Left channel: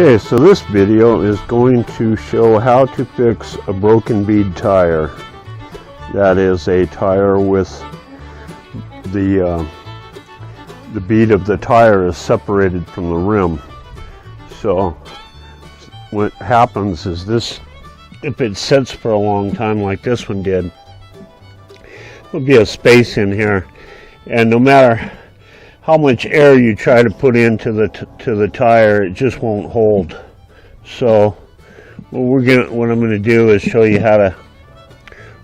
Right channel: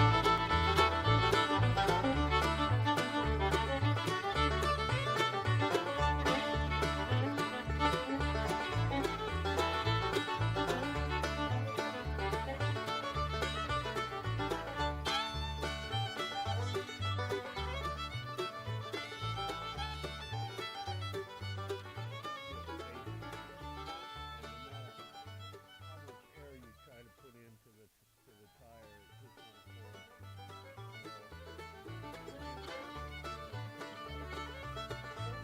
Okay, so this video is going to show how to fix a broken bead tire. That is a tire with the bead of the tire is separated from the rim. So what happens is this, if it sits for a long time like this one did, there'll be a space in here, and no matter how much air you try to put into the tire, it just won't hold. So what I'm going to do is show you how to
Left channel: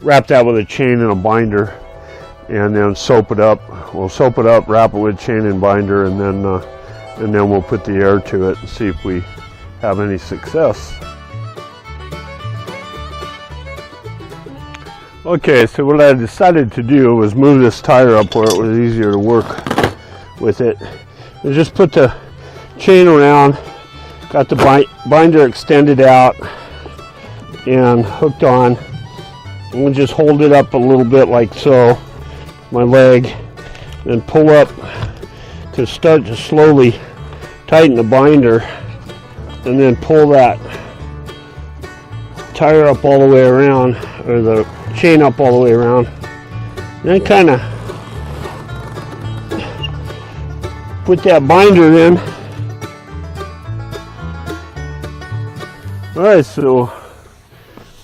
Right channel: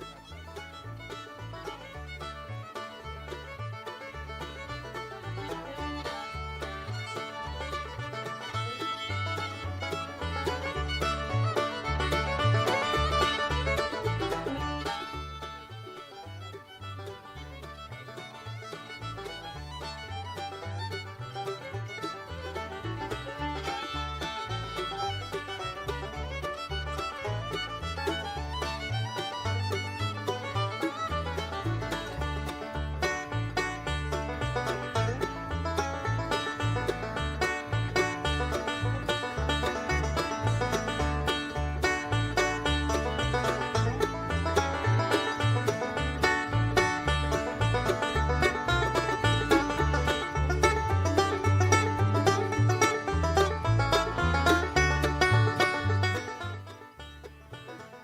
wrap that with a chain and a binder, and then soap it up. We'll soap it up, wrap it with chain and binder, and then we'll put the air to it and see if we have any success. Okay, so what I decided to do was move this tire up where it was easier to work with it. And just put the chain around, got the binder extended out and hooked on, and we'll just hold it up a little bit like so, my leg, and pull up to start to slowly tighten the binder, and then pull that tire up all the way around, or the chain up all the way around, and then kind of put that binder in. Alright, so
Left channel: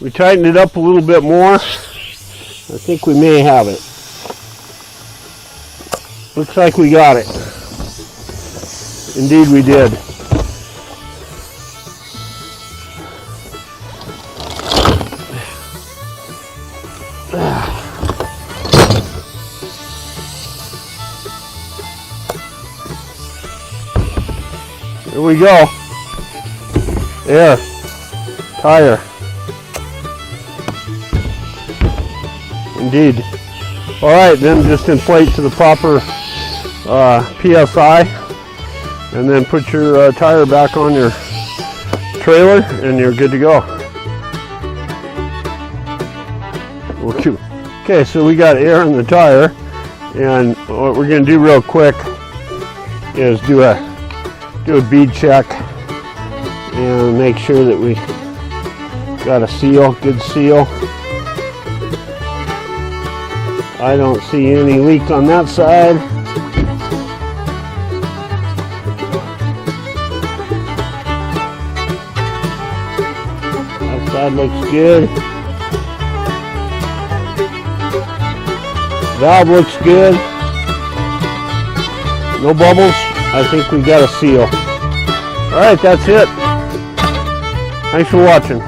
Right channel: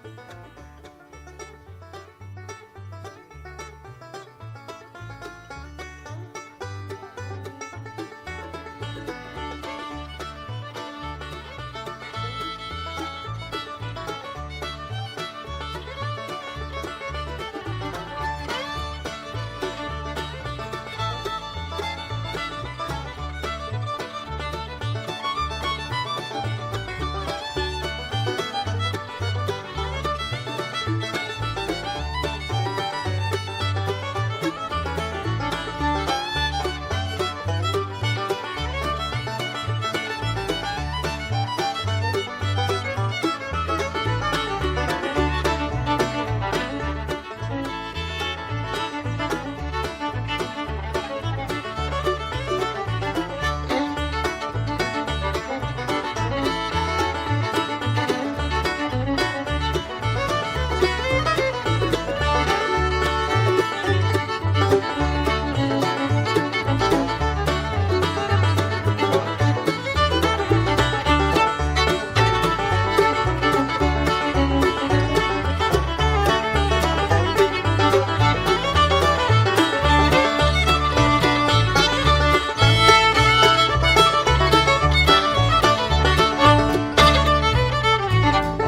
we tightened it up a little bit more. I think we may have it. Looks like we got it. Indeed we did. Here we go. There. Tire. Indeed. Alright, then just inflate to the proper PSI, and then put your tire back on your trailer, and you're good to go. Okay, so we got air in the tire, and what we're going to do real quick is do a bead check and make sure that we got a seal, good seal. I don't see any leak on that side. That side looks good. Valve looks good. No bubbles. I think we've got a seal. Alright, that's it. Thanks for watching.